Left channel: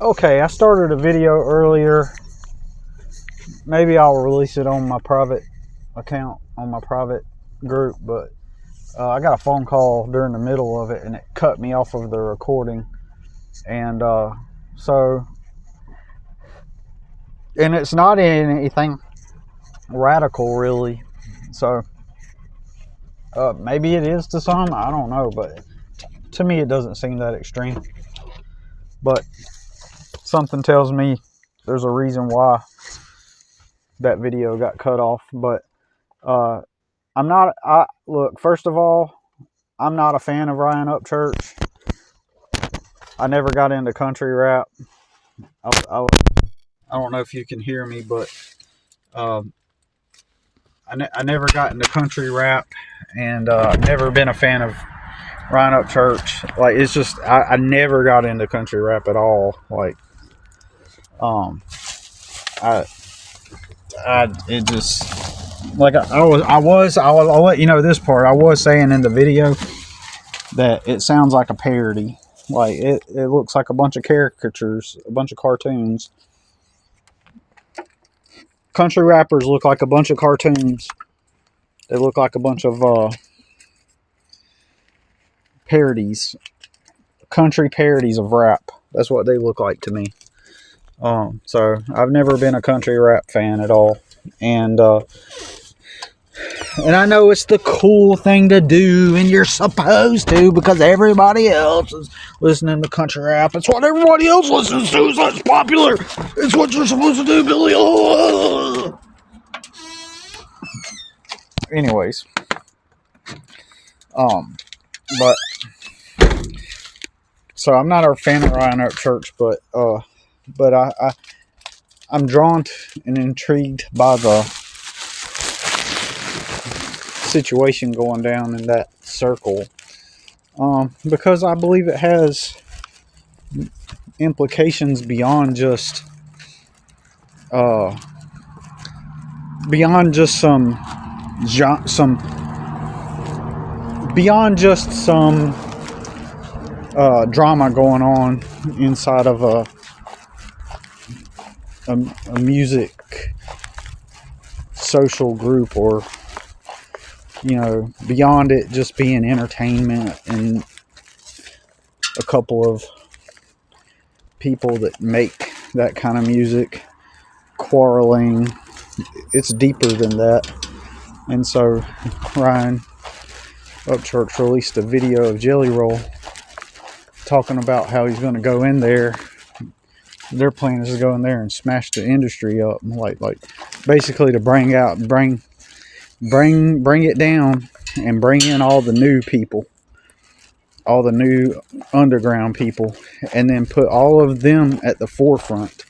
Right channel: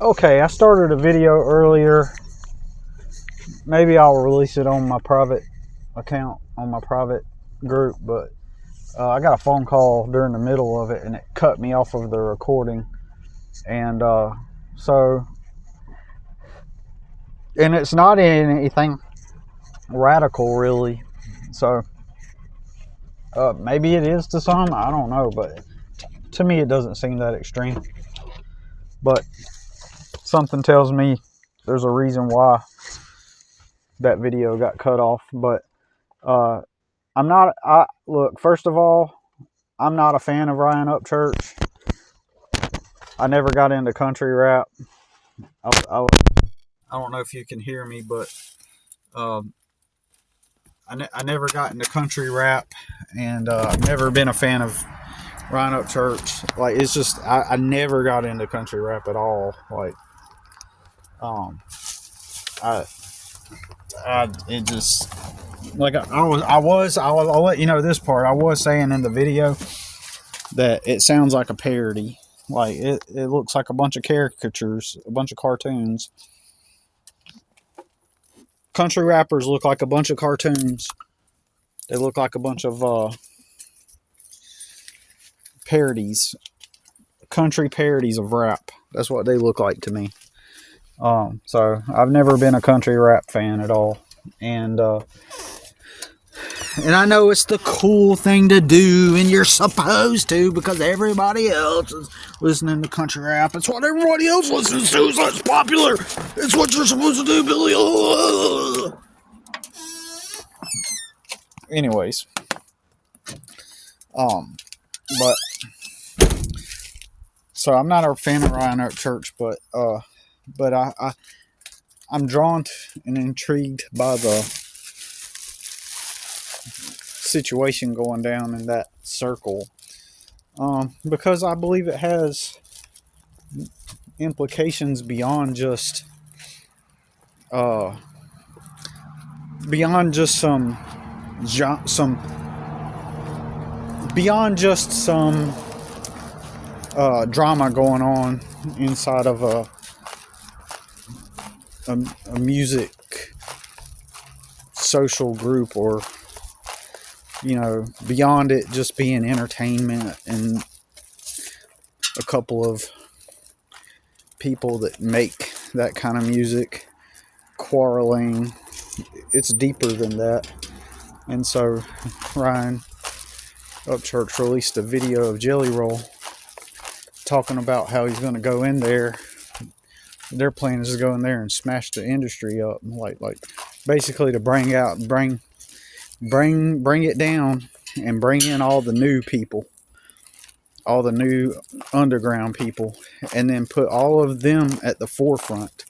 Okay, I started a video earlier. Maybe I'll release it on my private account, on my private group, but I got a phone call during the middle of it and it cut me off of the recording. And so, and it's not anything radical really. So, maybe it is to some, I don't know, but to me it doesn't seem that extreme. But something tells me there's a reason why that video got cut off. But I'm not. Look. First of all, I'm not a fan of Ryan Upchurch. I never got into country rap. I don't know if you can hear me, but um, I never got into country rap, and I've never been a fan of Ryan Upchurch. Like, it's just I never got into country rap at all. Like, um, I it just like I'll let you know this part. I was saying in the video that it sounds like a parody. Like it looks like a bunch of caricatures, a bunch of cartoons. Country rappers look like a bunch of cartoons. They look like a bunch of parodies, country parodies of rap. That's what they look like to me. So I've never been a country rap fan at all, and I know it's the cool thing to do, and you're supposed to because everybody else is listening to country rap. It's what everybody else listens to. So it's popular. It's what you're supposed to do, Billy. Oh. Anyways, but so I'm not a fan of Ryan Upchurch, but I'm drawn to and intrigued by the situation going down in that circle, because I believe it has implications beyond just some drama going on inside of a music social group, or beyond it just being entertainment and a couple of people that make that kind of music quarreling. It's deeper than that. And so Ryan Upchurch released a video of Jelly Roll talking about how he's going to go in there. Their plan is to go in there and smash the industry up, like basically to bring it down and bring in all the new people, all the new underground people, and then put all of them at the forefront.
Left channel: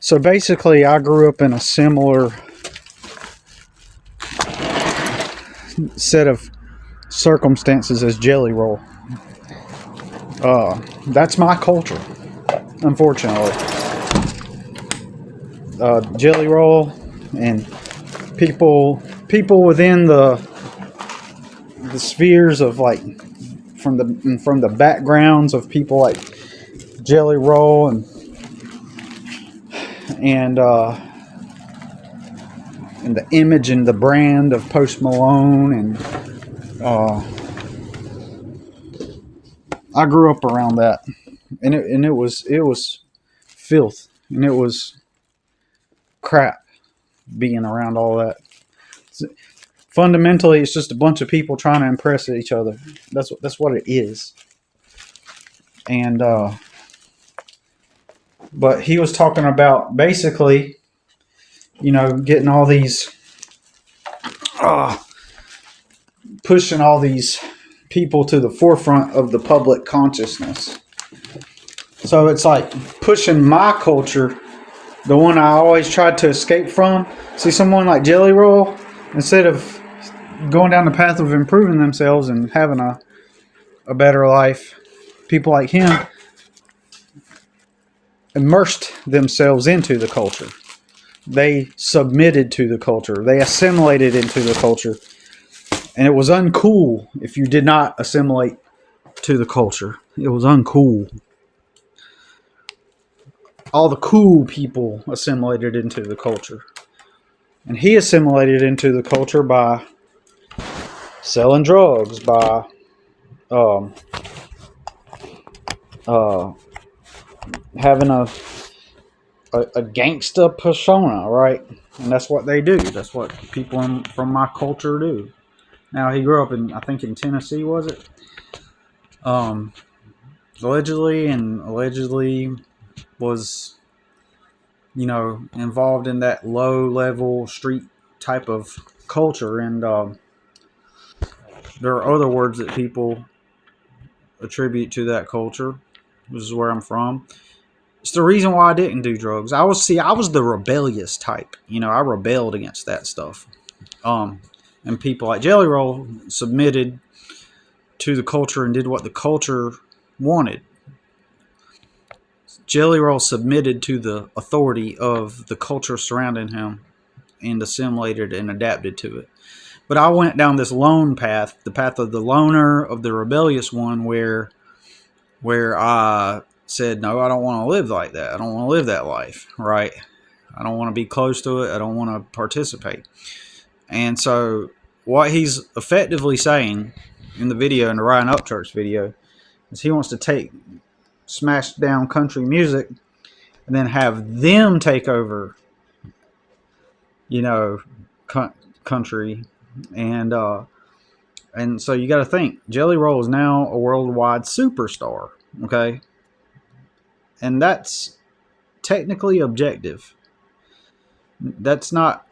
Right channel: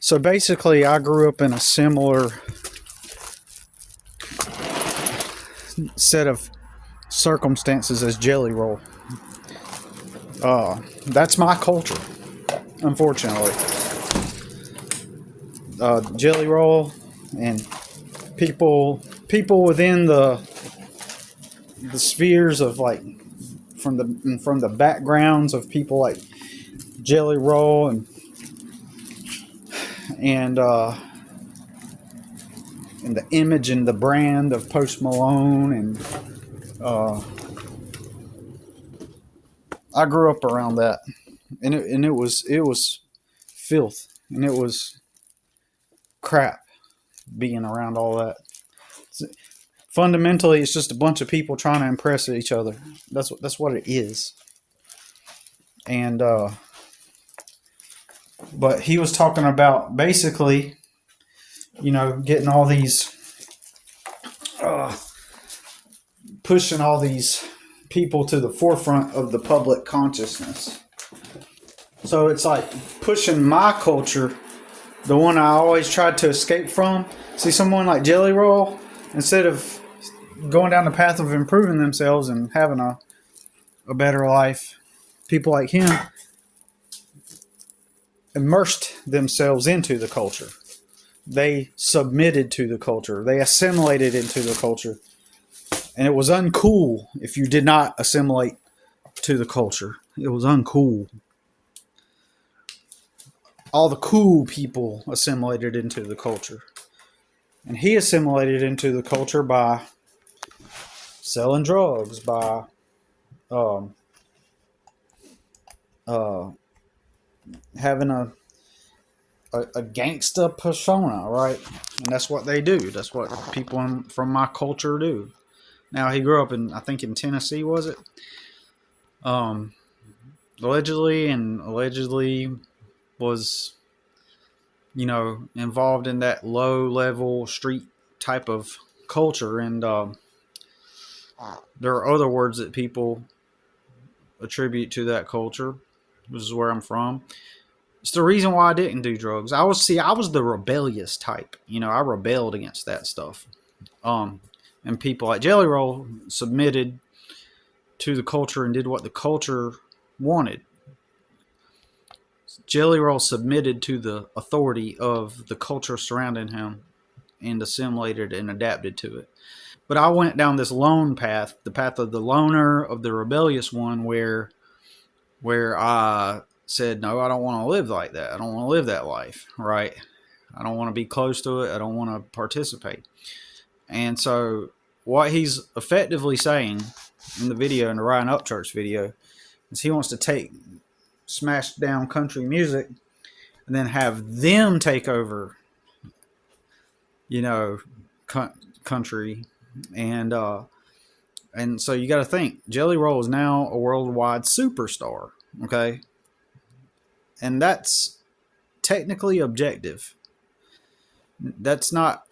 So basically, I grew up in a similar set of circumstances as Jelly Roll. That's my culture, unfortunately. Jelly Roll and people within the spheres of, like, from the backgrounds of people like Jelly Roll and the image and the brand of Post Malone, and I grew up around that, and it was filth, and it was crap being around all that. Fundamentally, it's just a bunch of people trying to impress each other. That's what it is. And but he was talking about basically, getting all these, pushing all these people to the forefront of the public consciousness. So it's like pushing my culture, the one I always tried to escape from. See, someone like Jelly Roll, instead of going down the path of improving themselves and having a better life, people like him immersed themselves into the culture. They submitted to the culture. They assimilated into the culture. And it was uncool if you did not assimilate to the culture. It was uncool. all the cool people assimilated into the culture. And he assimilated into the culture by selling drugs, by um, uh, having a gangsta persona, right? And that's what they do. That's what people from my culture do. Now he grew up in, I think, in Tennessee, was it? Um, allegedly was, involved in that low level street type of culture. And there are other words that people attribute to that culture. This is where I'm from. It's the reason why I didn't do drugs. I was the rebellious type. I rebelled against that stuff. And people like Jelly Roll submitted to the culture and did what the culture wanted. Jelly Roll submitted to the authority of the culture surrounding him and assimilated and adapted to it. But I went down this lone path, the path of the loner, of the rebellious one, where I said, no, I don't want to live like that. I don't want to live that life, right? I don't want to be close to it. I don't want to participate. And so what he's effectively saying in the video, in the Ryan Upchurch video, is he wants to take smashed down country music and then have them take over, country. And so you got to think, Jelly Roll is now a worldwide superstar, okay? And that's technically objective. That's not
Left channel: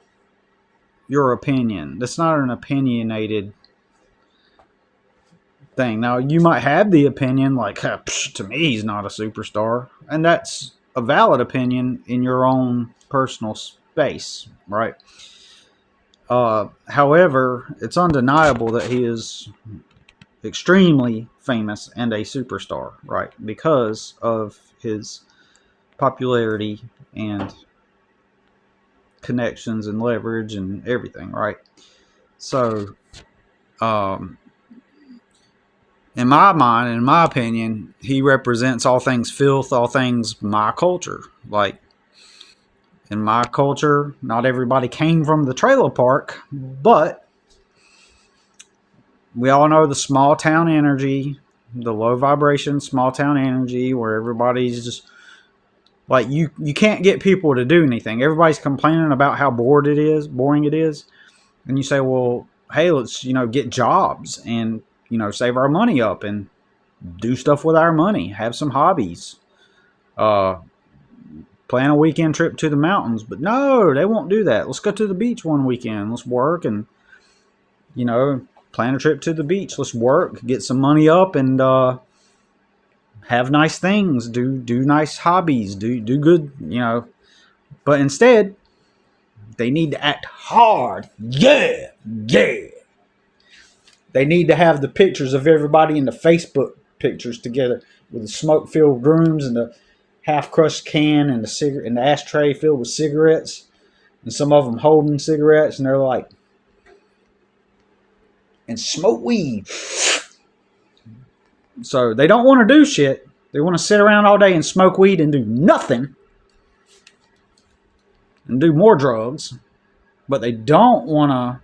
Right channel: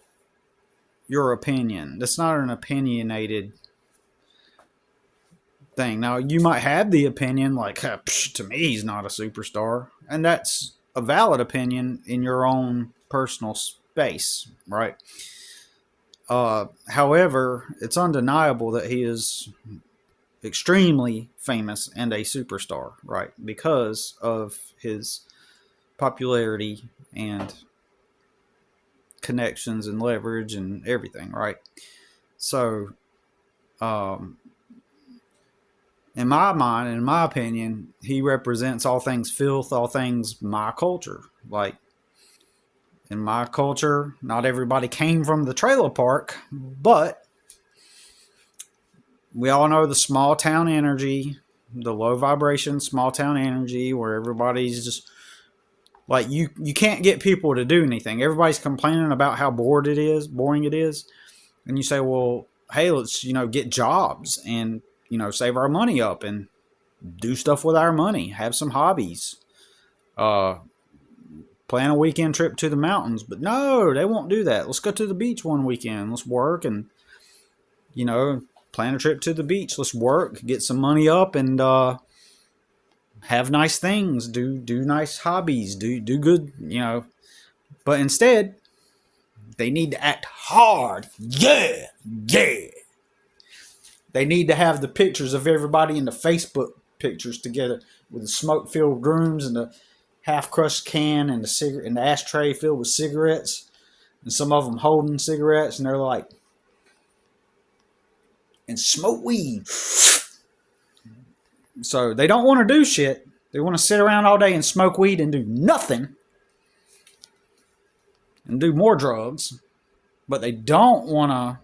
your opinion. That's not an opinionated thing. Now, you might have the opinion like, to me, he's not a superstar. And that's a valid opinion in your own personal space, right? However, it's undeniable that he is extremely famous and a superstar, right? Because of his popularity and connections and leverage and everything, right? So, in my mind, in my opinion, he represents all things filth, all things my culture. Like, in my culture, not everybody came from the trailer park, but we all know the small town energy, the low vibration small town energy, where everybody's just like, you can't get people to do anything. Everybody's complaining about how boring it is. And you say, well, hey, let's, get jobs and, save our money up and do stuff with our money, have some hobbies, plan a weekend trip to the mountains. But no, they won't do that. Let's go to the beach one weekend. Let's work and, plan a trip to the beach. Let's work, get some money up, and have nice things, do nice hobbies, do good, But instead, they need to act hard. Yeah. They need to have the pictures of everybody in the Facebook pictures together with the smoke-filled rooms and the half-crushed can and the ashtray filled with cigarettes, and some of them holding cigarettes, and they're like, and smoke weed. So they don't want to do shit. They want to sit around all day and smoke weed and do nothing and do more drugs, but they don't want to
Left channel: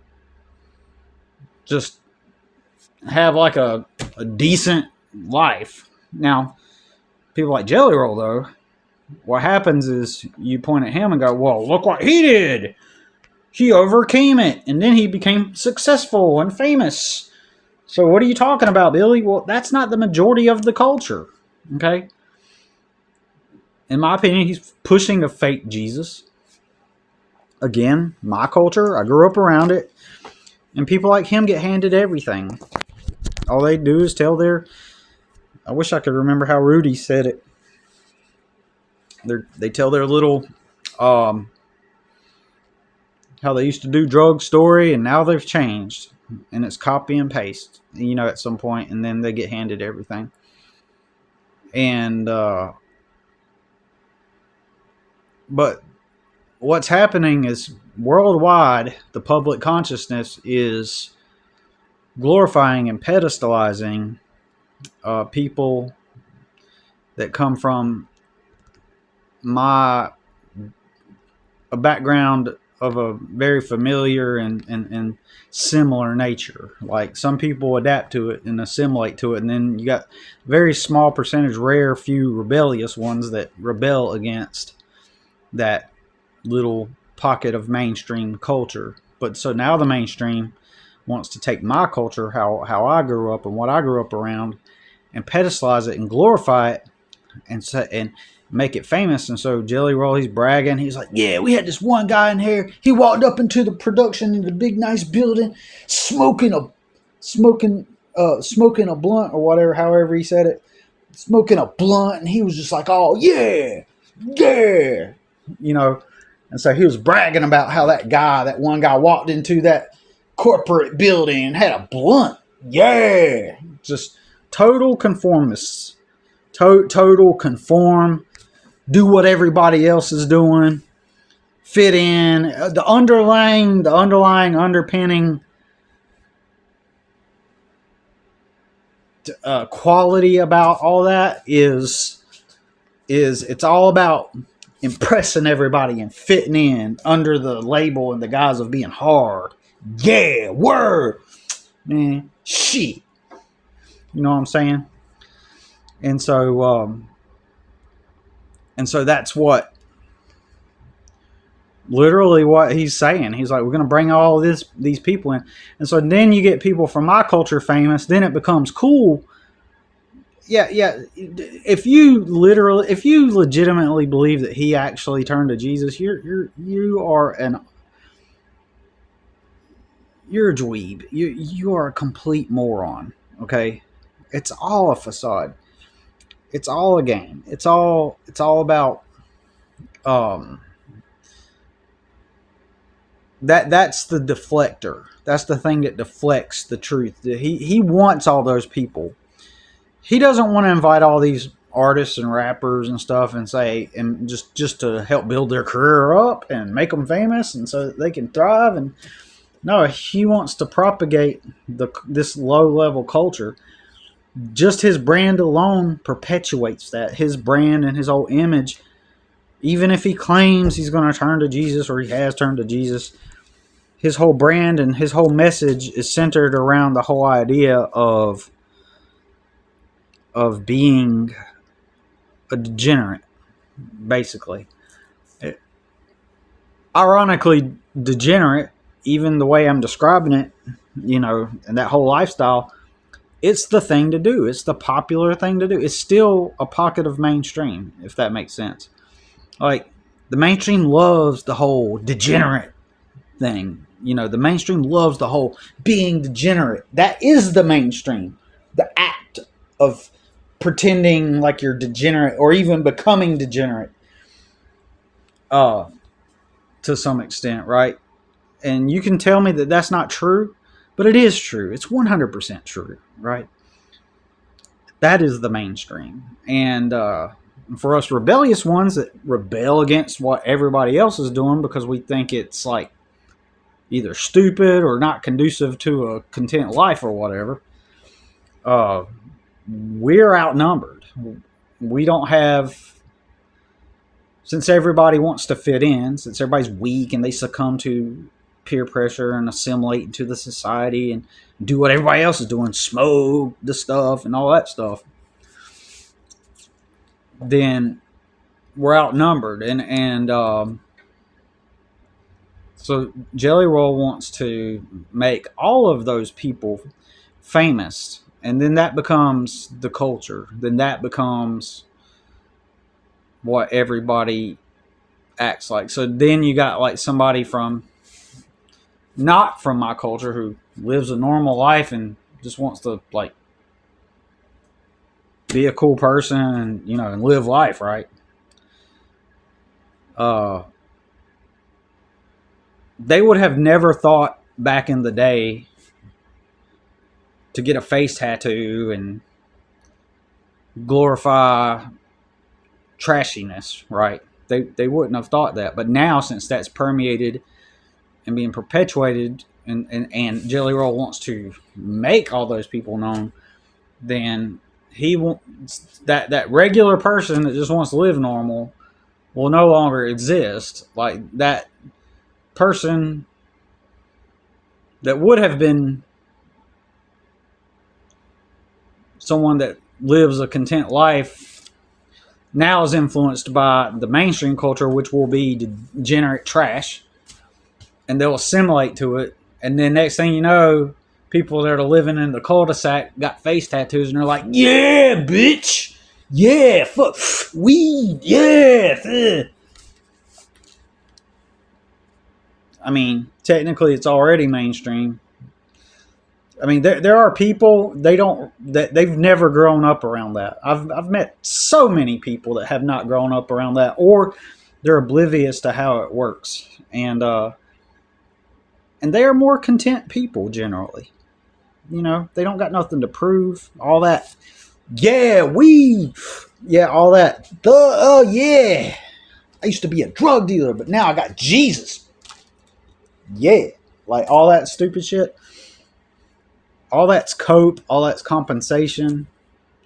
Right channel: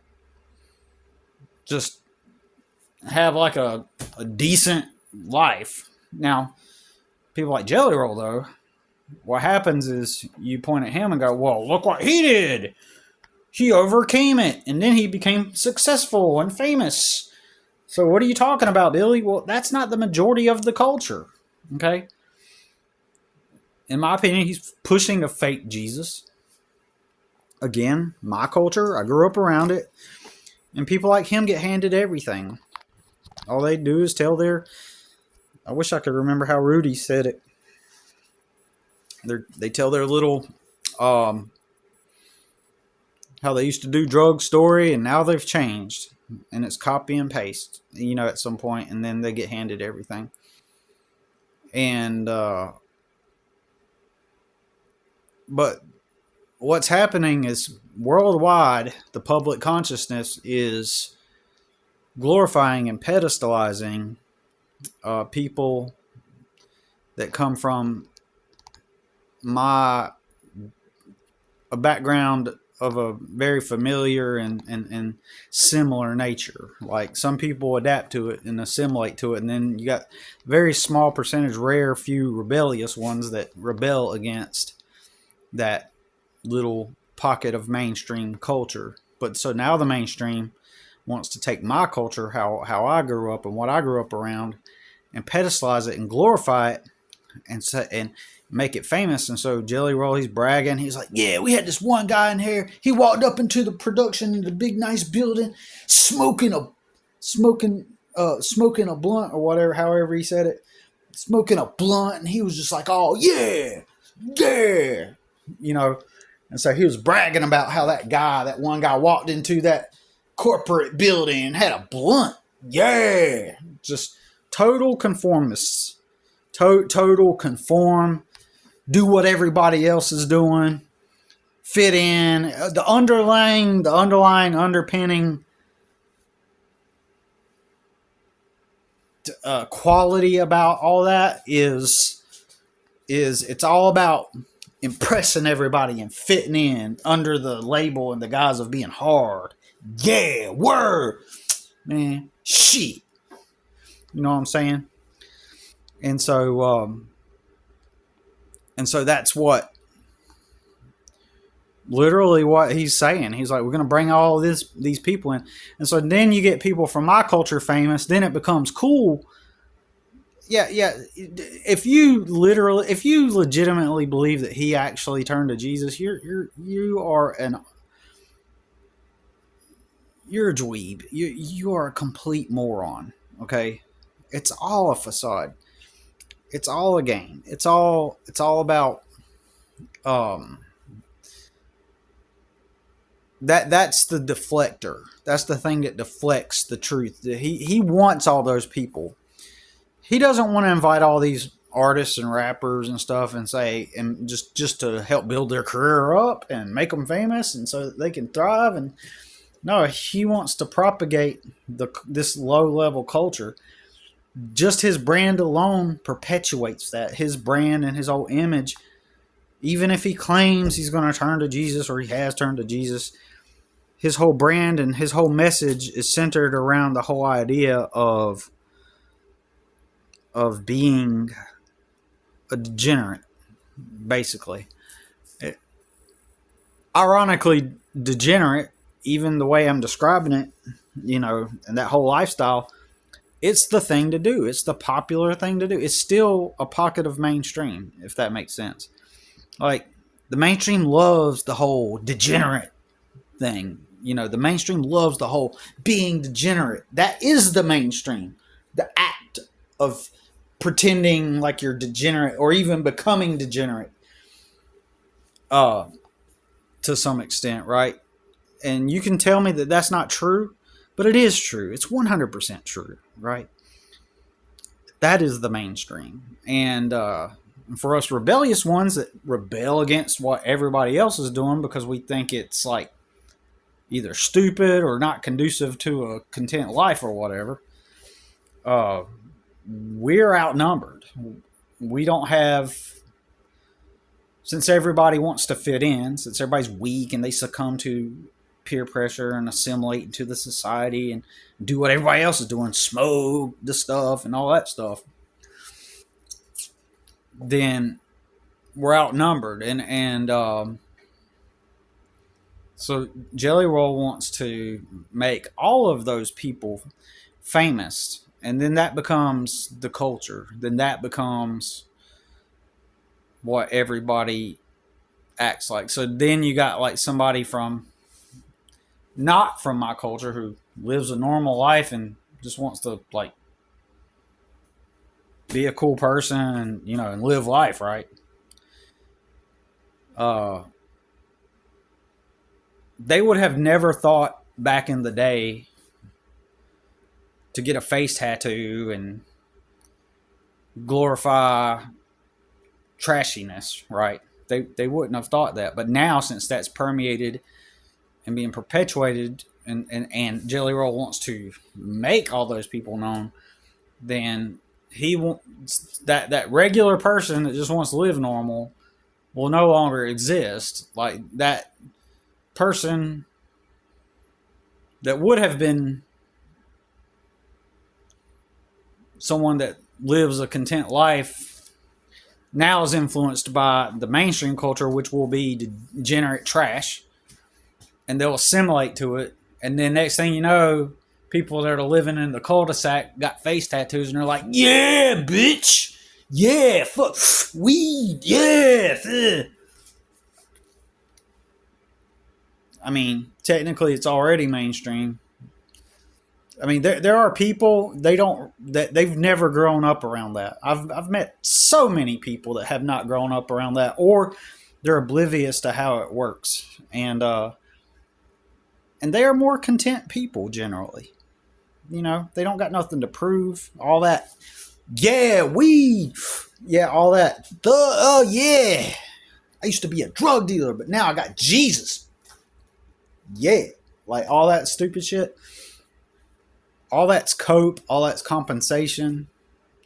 just have like a decent life. Now, people like Jelly Roll, though, what happens is you point at him and go, well, look what he did. He overcame it, and then he became successful and famous. So what are you talking about, Billy? Well, that's not the majority of the culture, okay? In my opinion, he's pushing a fake Jesus. Again, my culture, I grew up around it, and people like him get handed everything. All they do is tell I wish I could remember how Rudy said it. They tell their little, how they used to do drug story, and now they've changed. And it's copy and paste, at some point, and then they get handed everything. And, but what's happening is worldwide, the public consciousness is glorifying and pedestalizing people that come from my a background of a very familiar and similar nature. Like some people adapt to it and assimilate to it, and then you got very small percentage, rare few rebellious ones that rebel against that little pocket of mainstream culture. But so now the mainstream wants to take my culture, how I grew up and what I grew up around, and pedestalize it and glorify it and make it famous. And so Jelly Roll, he's bragging. He's like, yeah, we had this one guy in here. He walked up into the production in the big nice building, smoking a blunt or whatever, however he said it, smoking a blunt, and he was just like, oh yeah, yeah, you know. And so he was bragging about how that one guy walked into that corporate building and had a blunt. Yeah, just total conformists. Total conform, do what everybody else is doing, fit in. The underlying underpinning quality about all that is it's all about impressing everybody and fitting in under the label and the guise of being hard. Yeah, word, man, shit. You know what I'm saying? And so that's what literally what he's saying. He's like, we're going to bring all of these people in. And so then you get people from my culture famous. Then it becomes cool. Yeah. If you legitimately believe that he actually turned to Jesus, you're a dweeb. You are a complete moron. Okay, it's all a facade. It's all a game. It's all about that's the deflector. That's the thing that deflects the truth. He wants all those people. He doesn't want to invite all these artists and rappers and stuff and say and just to help build their career up and make them famous and so that they can thrive. And no, he wants to propagate this low level culture. Just his brand alone perpetuates that. His brand and his whole image, even if he claims he's going to turn to Jesus or he has turned to Jesus, his whole brand and his whole message is centered around the whole idea of being a degenerate, basically. Ironically, degenerate, even the way I'm describing it, and that whole lifestyle, it's the thing to do. It's the popular thing to do. It's still a pocket of mainstream, if that makes sense. Like, the mainstream loves the whole degenerate thing. The mainstream loves the whole being degenerate. That is the mainstream. The act of pretending like you're degenerate or even becoming degenerate to some extent, right? And you can tell me that that's not true, but it is true. It's 100% true, right? That is the mainstream. And for us rebellious ones that rebel against what everybody else is doing because we think it's like either stupid or not conducive to a content life or whatever, we're outnumbered. We don't have, since everybody wants to fit in, since everybody's weak and they succumb to peer pressure and assimilate into the society and do what everybody else is doing, smoke the stuff and all that stuff, then we're outnumbered. And so Jelly Roll wants to make all of those people famous, and then that becomes the culture. Then that becomes what everybody acts like. So then you got like somebody from not from my culture who lives a normal life and just wants to like be a cool person and and live life, right? They would have never thought back in the day to get a face tattoo and glorify trashiness, right? They wouldn't have thought that. But now, since that's permeated and being perpetuated, and Jelly Roll wants to make all those people known, then he wants that regular person that just wants to live normal will no longer exist. Like that person that would have been someone that lives a content life now is influenced by the mainstream culture, which will be degenerate trash, and they'll assimilate to it. And then next thing you know, people that are living in the cul-de-sac got face tattoos, and they're like, "Yeah, bitch, yeah, fuck, weed, yeah." I mean, technically, it's already mainstream. I mean, there are people they've never grown up around that. I've met so many people that have not grown up around that, or they're oblivious to how it works, and they are more content people generally. You know, they don't got nothing to prove. All that, yeah, weed, yeah, all that. Yeah, I used to be a drug dealer, but now I got Jesus. Yeah, like all that stupid shit. All that's cope. All that's compensation,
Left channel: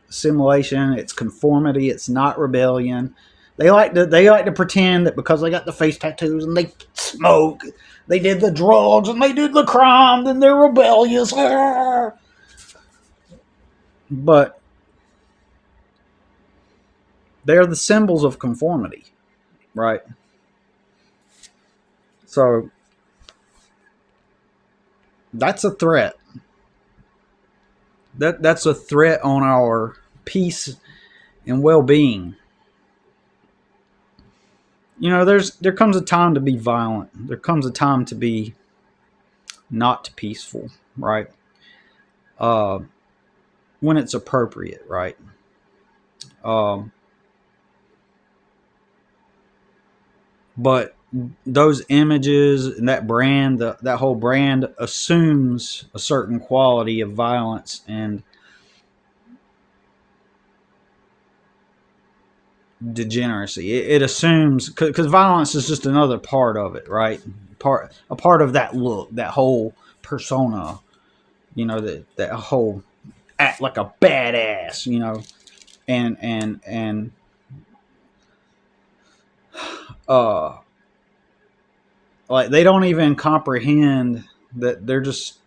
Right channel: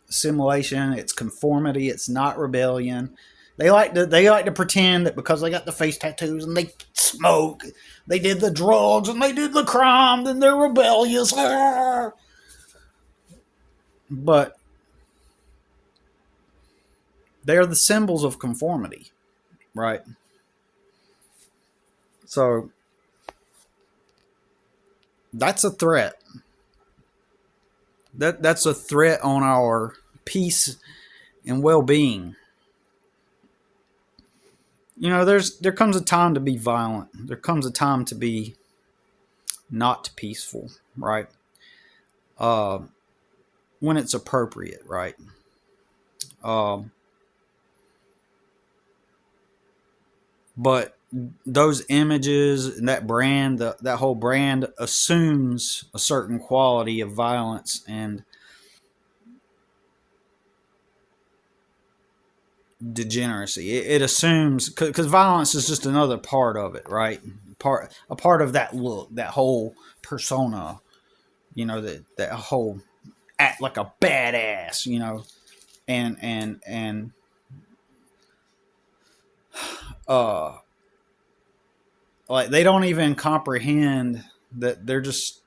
assimilation. It's conformity. It's not rebellion. They like to pretend that because they got the face tattoos and they smoke, they did the drugs and they did the crime, then they're rebellious. But they're the symbols of conformity, right? So that's a threat. That's a threat on our peace and well-being. You know, there comes a time to be violent. There comes a time to be not peaceful, right? Uh, when it's appropriate, right? Um, but those images and that brand, that whole brand assumes a certain quality of violence and degeneracy. It assumes because violence is just another part of it, right? A part of that look, that whole persona. You know, that whole act like a badass. You know, and uh like they don't even comprehend that they're just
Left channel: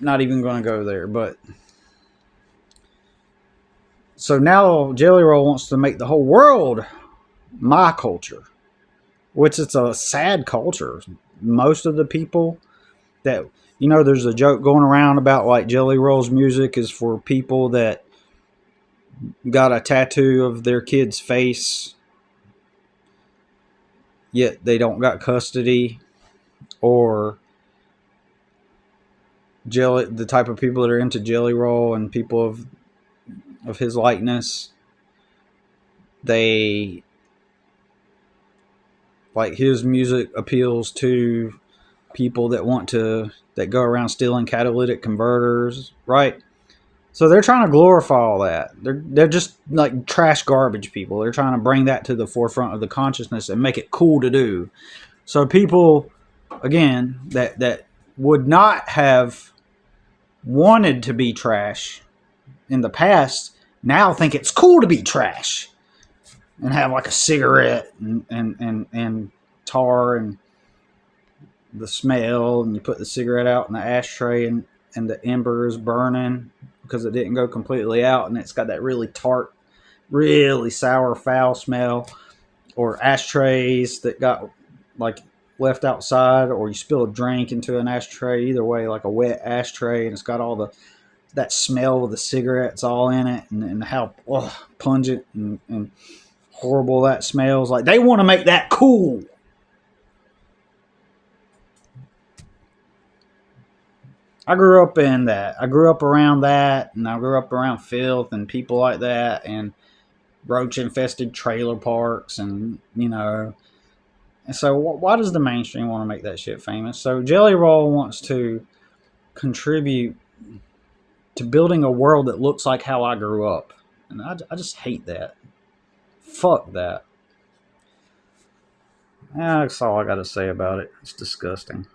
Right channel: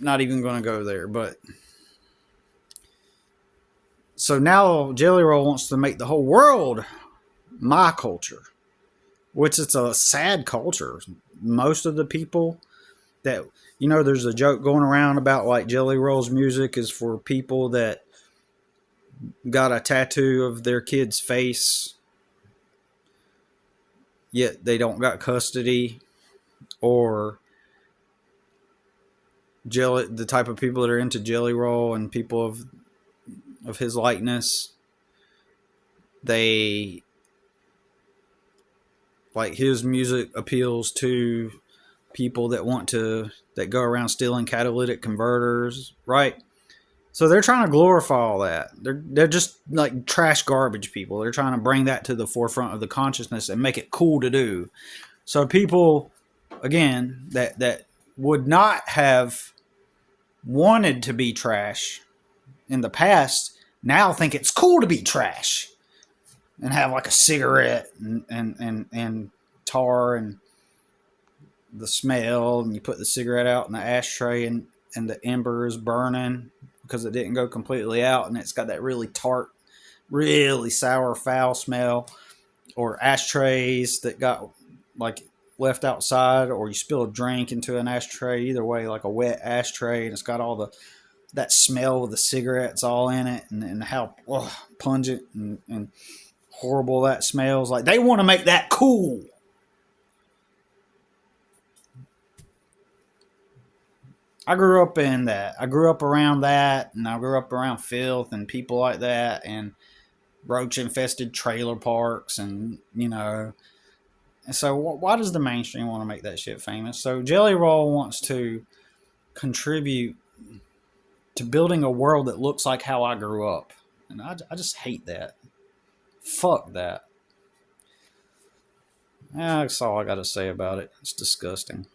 not even going to go there. But so now Jelly Roll wants to make the whole world my culture, which is a sad culture. Most of the people that, you know, there's a joke going around about like Jelly Roll's music is for people that got a tattoo of their kid's face, yet they don't got custody, or jelly, the type of people that are into Jelly Roll and people of his likeness, they like his music appeals to people that go around stealing catalytic converters, right? So they're trying to glorify all that. They're just like trash garbage people. They're trying to bring that to the forefront of the consciousness and make it cool to do. So people, again, that would not have wanted to be trash in the past now think it's cool to be trash and have like a cigarette and tar and the smell, and you put the cigarette out in the ashtray and the ember is burning because it didn't go completely out, and it's got that really tart, really sour, foul smell. Or ashtrays that got like left outside, or you spill a drink into an ashtray. Either way, like a wet ashtray, and it's got all that smell of the cigarettes all in it, and how pungent and horrible that smells. Like they want to make that cool. I grew up in that. I grew up around that, and I grew up around filth and people like that, and roach infested trailer parks, and you know. And so, why does the mainstream want to make that shit famous? So, Jelly Roll wants to contribute to building a world that looks like how I grew up, and I just hate that. Fuck that. Yeah, that's all I got to say about it. It's disgusting.